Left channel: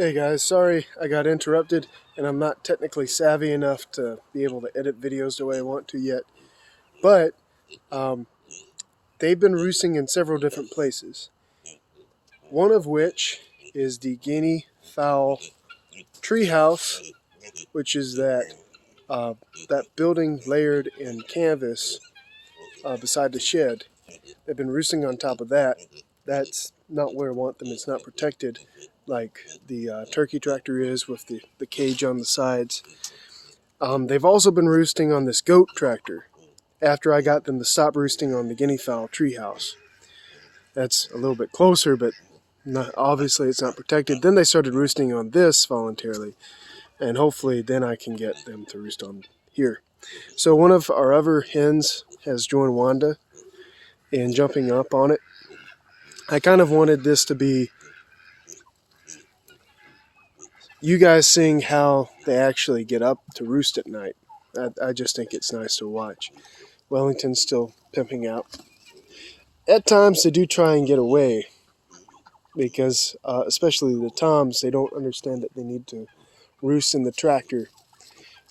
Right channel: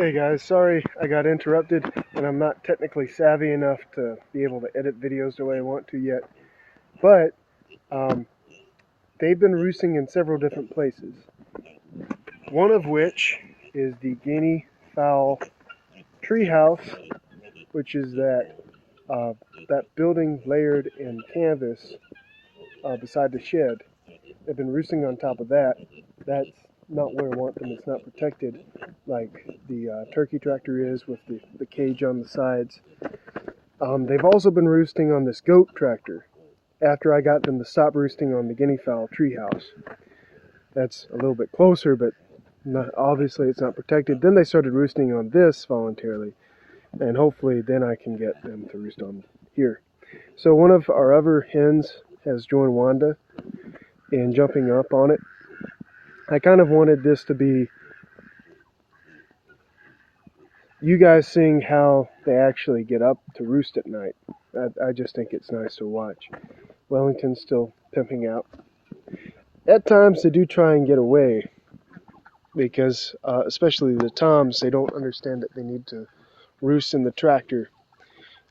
Hey guys, sorry I got interrupted and I'm not technically savvy enough to be able to edit videos the way I want to yet. But um, they've been roosting in several different places. One of which is the guinea fowl treehouse, which is uh, that building layered in canvas beside the shed. They've been roosting on top of that. That's not where I want them. It's not protected like the turkey tractor is with the cage on the sides. They've also been roosting on this goat tractor after I got them to stop roosting on the guinea fowl treehouse. That's a little bit closer, but obviously it's not protected. Then they started roosting on this voluntarily, and hopefully then I can get them to roost on here. So one of our other hens has joined Wanda in jumping up on it. I kind of wanted this to be you guys seeing how they actually get up to roost at night. I just think it's nice to watch. Wellington's still pimping out. At times they do try and get away because, especially the toms, they don't understand that they need to roost in the tractor.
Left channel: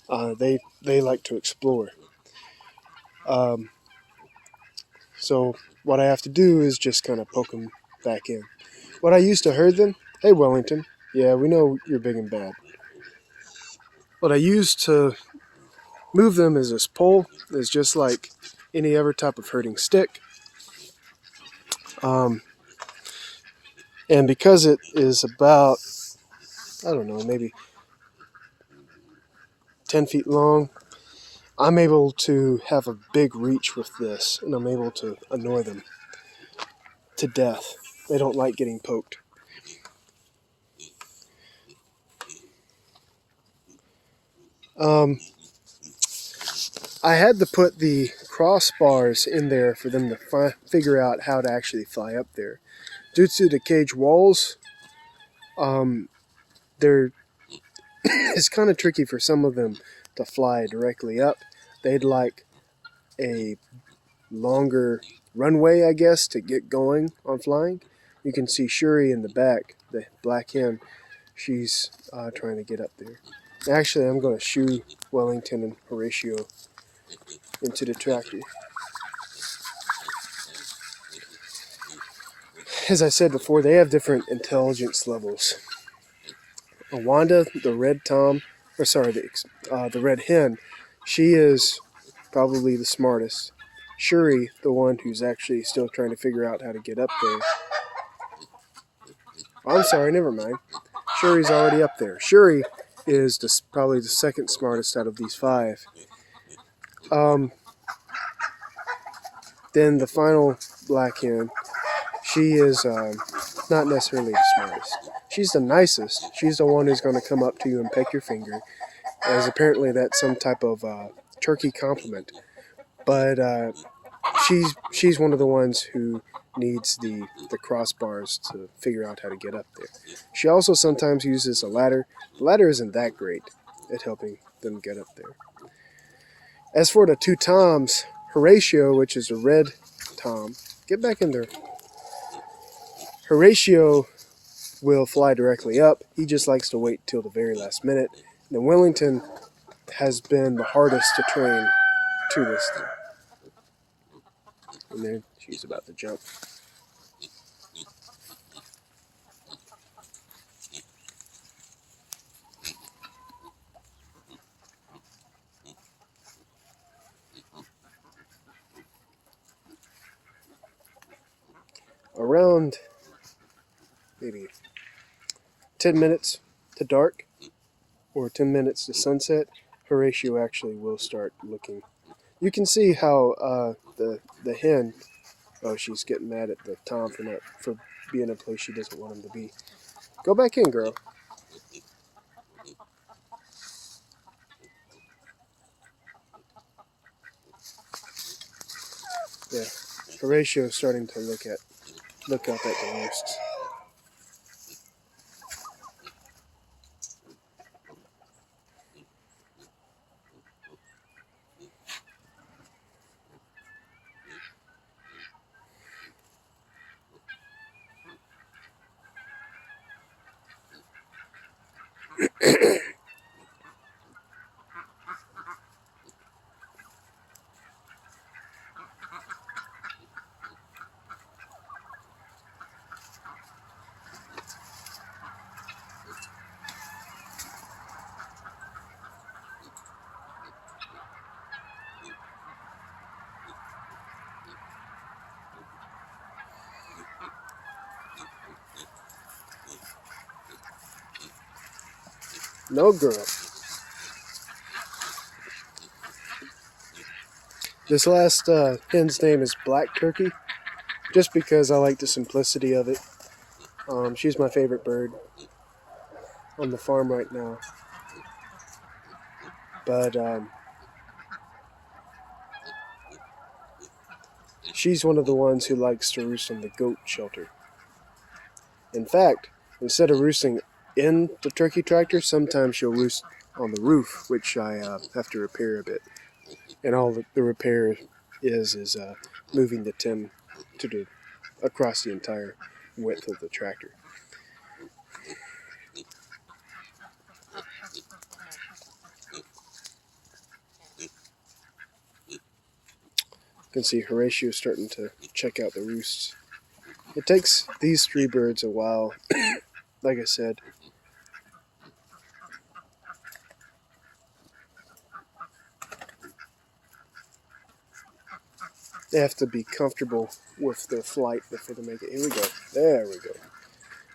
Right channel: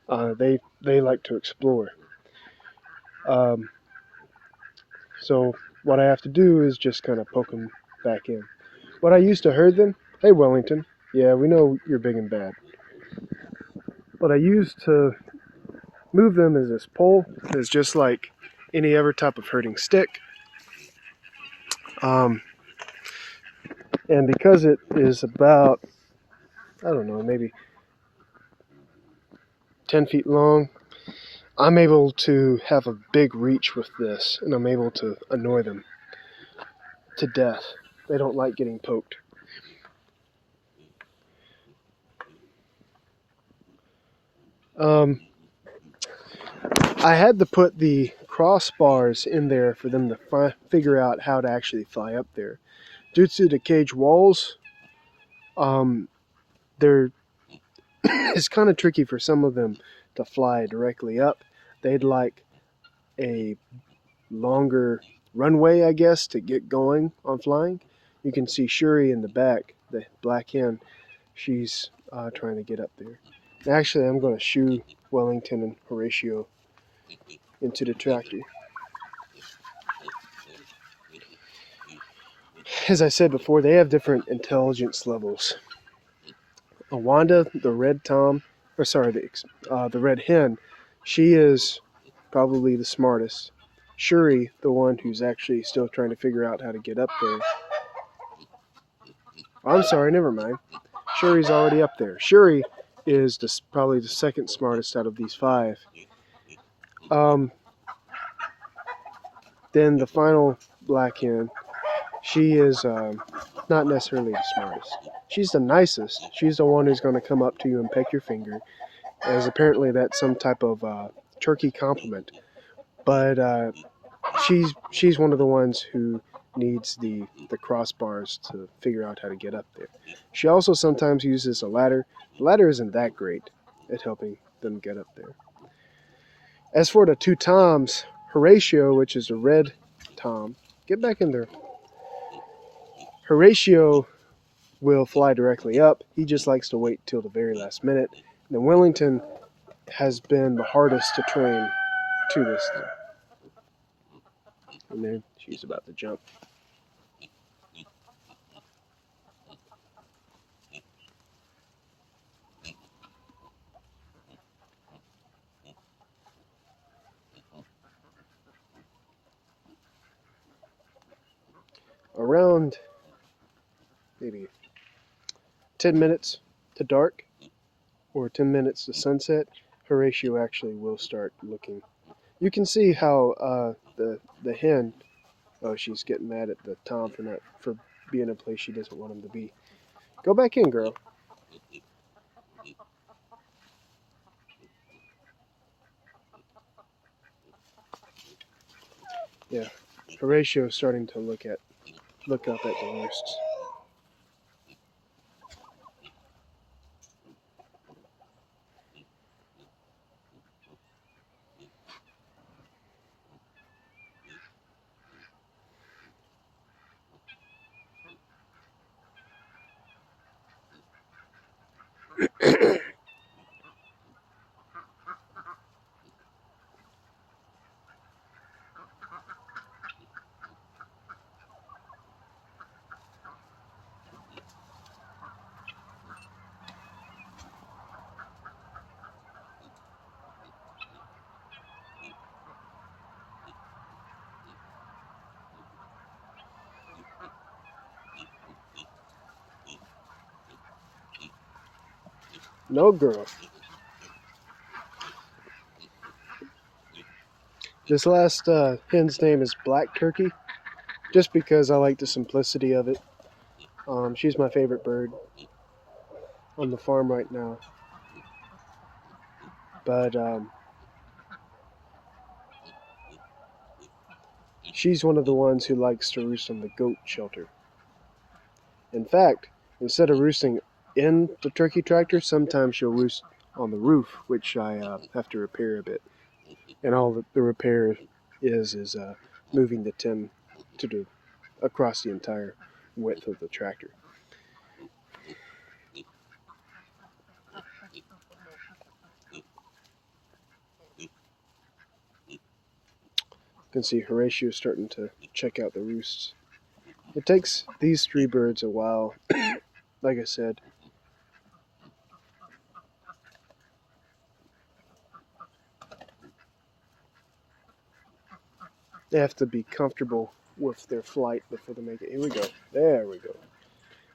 They like to explore. Um, so what I have to do is just kind of poke them back in. What I used to herd them, hey Wellington, yeah, we know you're big and bad. What I used to move them is this pole. It's just like any other type of herding stick. And because it is about, I don't know, maybe 10 feet long, I'm able to have a big reach with this, and I'm able to annoy them to death. They don't like getting poked. I had to put the crossbars in there for them to figure out how to actually fly up there. Due to the cage walls, they're it's kind of tricky for some of them to fly directly up. They'd like a longer runway, I guess, to get going on flying. You can see Shuri in the back, the black hen. She's trying to get up there. Actually, I'm going to shoo Wellington and Horatio into the tractor. As I said before, they have different intelligence levels. Wanda, the red tom, or sorry, the red hen, she is probably the smartest. Shuri, the one who's actually still trying to figure out how to get up there. I'm sorry, never mind. Shuri's already up there. Shuri is probably the second smartest out of these five. Then the final black hen, she is not necessarily the smartest. She's the nicest. She's the one who's going to come up to you and peck your finger, as apparently that's some type of turkey compliment. But she's one of the ones who needs the crossbars to figure out how to get up there. She also sometimes uses a ladder. The ladder isn't that great at helping them get up there. As for the two toms, Horatio, which is a red tom, get back in there. Horatio will fly directly up. He just likes to wait till the very last minute. And then Wellington has been the hardest to train to this thing. And there she's about to jump. Around maybe 10 minutes to dark or 10 minutes to sunset, Horatio actually will start looking. You can see how the hen, oh, she's getting mad at the tom for being in a place she doesn't want him to be. Go back in, girl. Yeah, Horatio's starting to look up at the roosts. No, girl. This last hen's name is Black Turkey, just because I like the simplicity of it. She's my favorite bird on the farm right now. But she's one of the ones who likes to roost on the goat shelter. In fact, instead of roosting in the turkey tractor, sometimes she'll roost on the roof, which I have to repair a bit. And all the repair is moving the tin to across the entire width of the tractor. You can see Horatio starting to check out the roosts. It takes these three birds a while, like I said. They have to be comfortable with their flight before they make it. Here we go. There we go.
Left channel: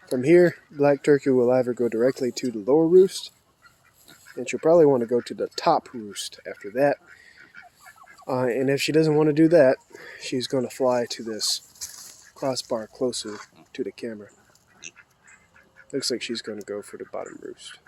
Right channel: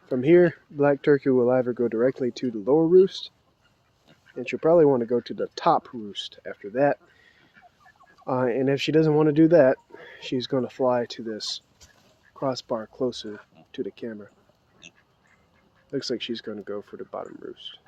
From here, Black Turkey will either go directly to the lower roost, and she'll probably want to go to the top roost after that. And if she doesn't want to do that, she's going to fly to this crossbar closer to the camera. Looks like she's going to go for the bottom roost.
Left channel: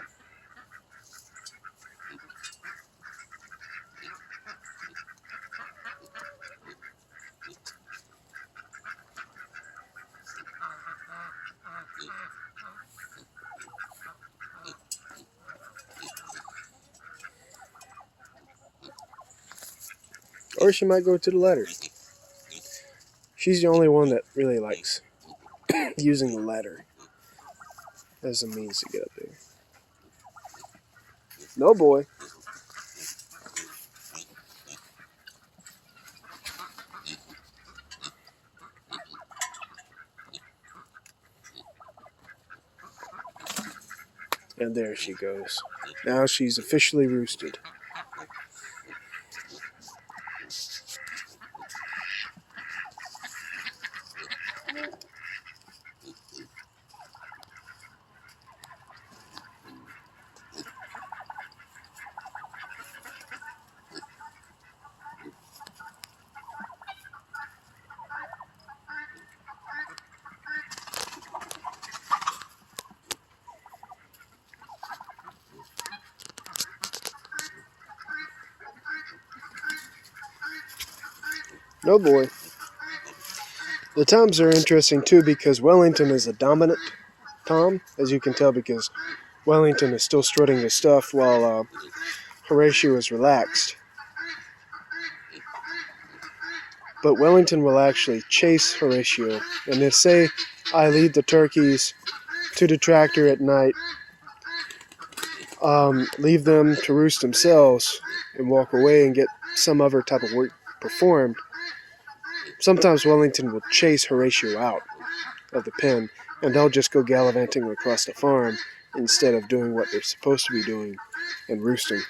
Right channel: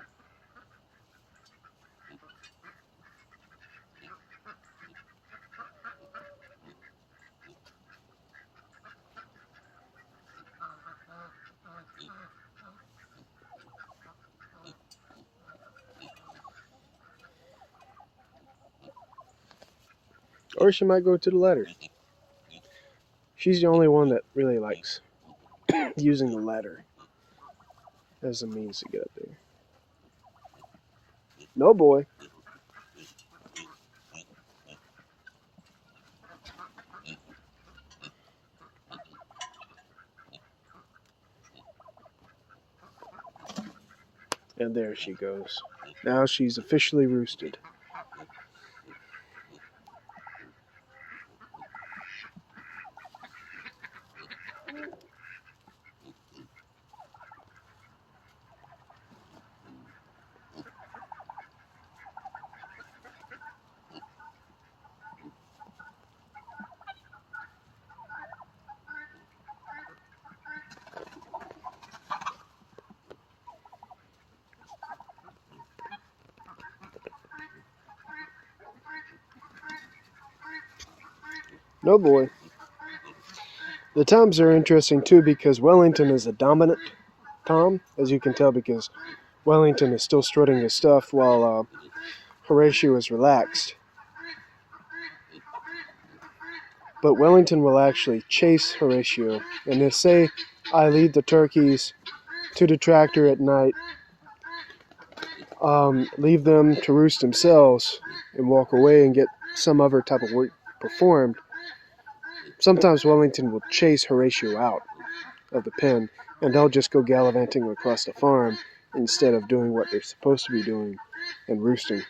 Or she might go to the ladder. She's the only one that really likes using the ladder as a means to get up there. No, boy. And there she goes. Now she's officially roosted. No, boy. The toms are interesting too because Wellington is a dominant tom, as you can tell, because Wellington is still strutting his stuff while Horatio is relaxed. But Wellington will actually chase Horatio, and they say I lead the turkeys to the tractor at night, leave them to roost themselves, and walk away and get some other type of work performed. Sometimes Wellington will chase Horatio out of the pen, and they'll just go gallivanting across the farm instead of doing what they're supposed to be doing and roosting.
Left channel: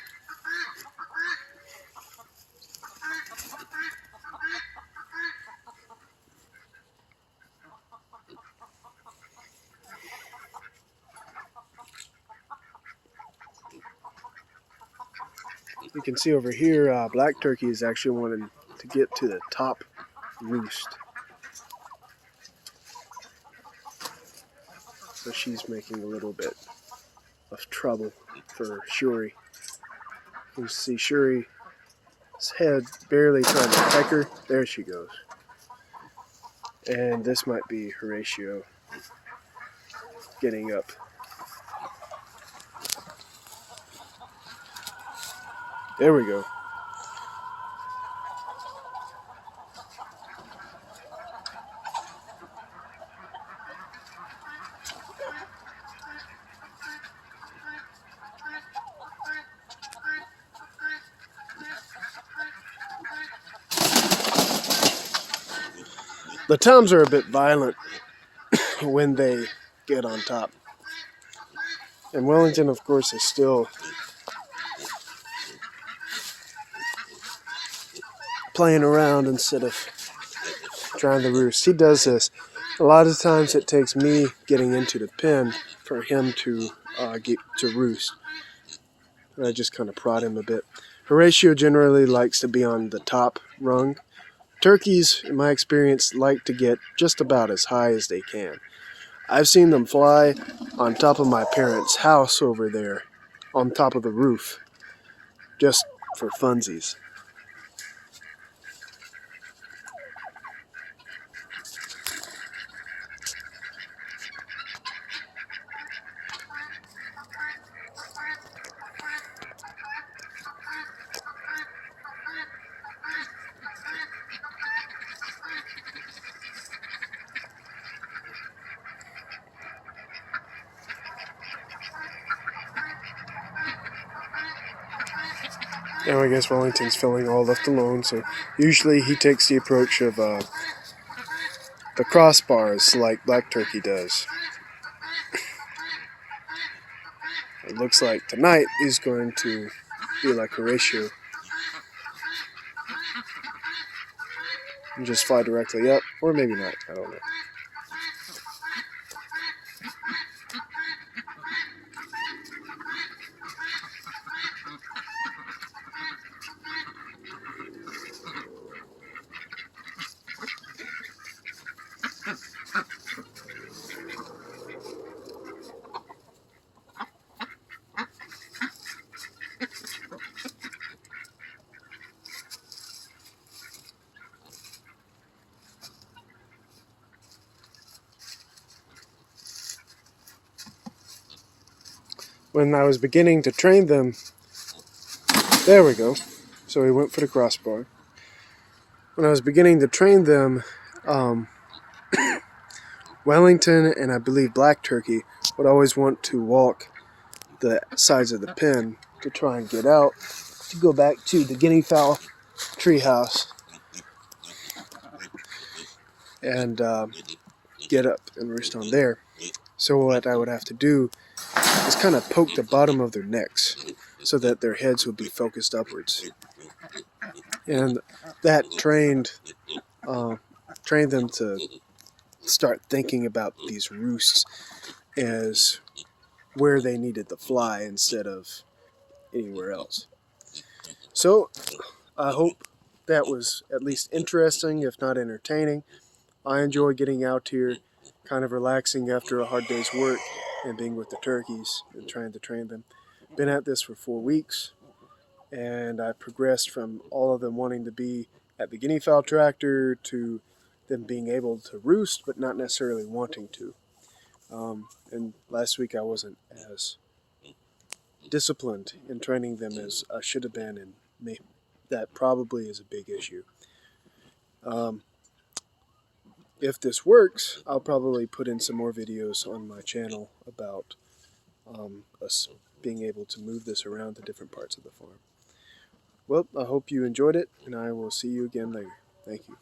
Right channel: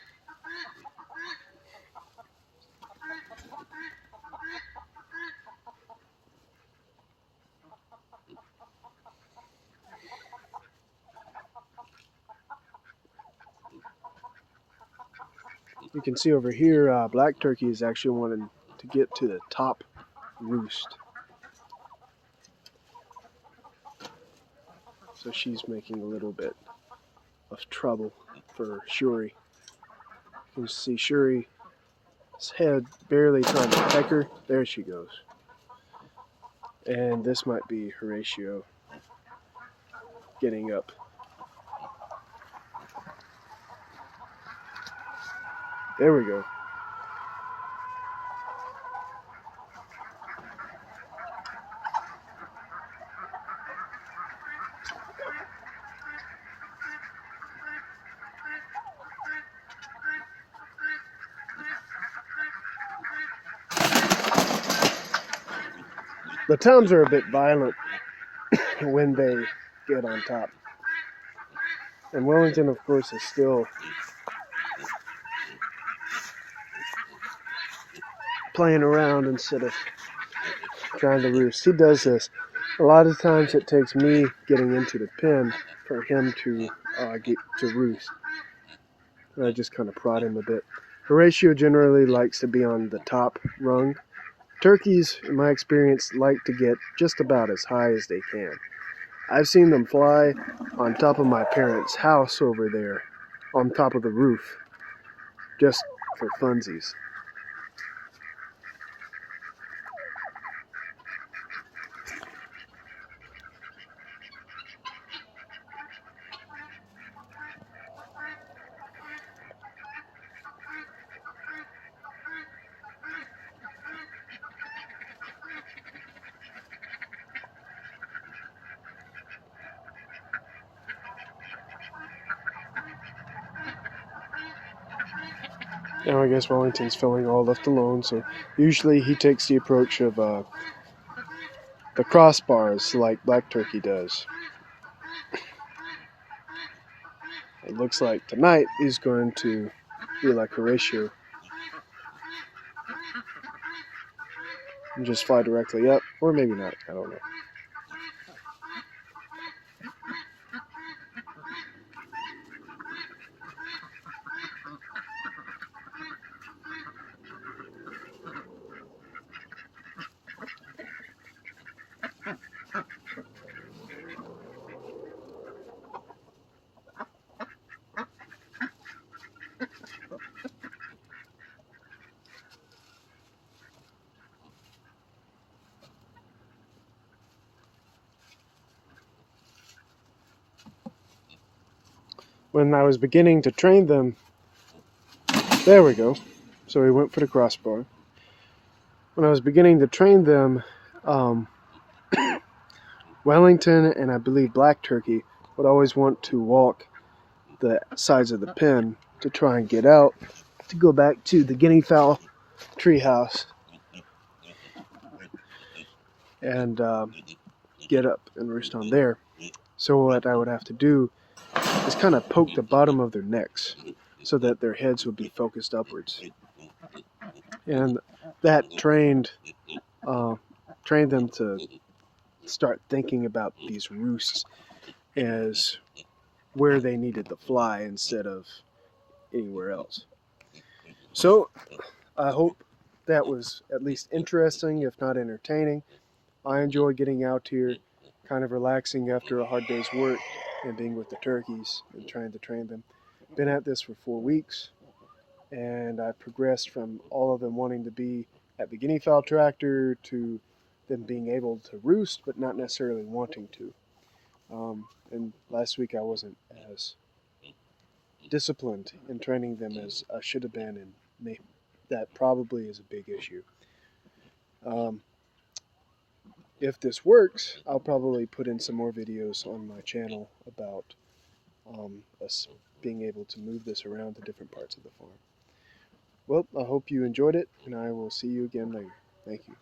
You can see over here, Black Turkey is actually wanting to get to the top roost. So she's making a little bit of trouble for Shuri. You can see Shuri's head barely trying to peck her. There she goes. And this might be Horatio getting up. There we go. The toms are a bit violent when they get on top. And Wellington, of course, is still playing around instead of trying to roost. He does this. A lot of times it takes me getting into the pen for him to get to roost. and I just kind of prod him a bit. Horatio generally likes to be on the top rung. Turkeys, in my experience, like to get just about as high as they can. I've seen them fly on top of my parents' house over there, on top of the roof, just for funsies. Now I guess Wellington's feeling all left alone, so usually he takes the approach of the crossbars like Black Turkey does. It looks like tonight he's going to be like Horatio and just fly directly up, or maybe not, I don't know. When I was beginning to train them, there we go, so we went for the crossbar. When I was beginning to train them, Wellington and I believe Black Turkey would always want to walk the sides of the pen to try and get out to go back to the guinea fowl treehouse and get up and roost on there. So what I would have to do is kind of poke the bottom of their necks so that their heads would be focused upwards, and that trained them to start thinking about these roosts as where they needed to fly instead of anywhere else. So I hope that was at least interesting, if not entertaining. I enjoy getting out here, kind of relaxing after a hard day's work and being with the turkeys and trying to train them. Been at this for 4 weeks, and I progressed from all of them wanting to be at the guinea fowl tractor to them being able to roost but not necessarily wanting to. And last week I wasn't as disciplined in training them as I should have been, and that probably is a big issue. If this works, I'll probably put in some more videos on my channel about us being able to move this around to different parts of the farm. Well, I hope you enjoyed it, and I will see you again later. Thank you.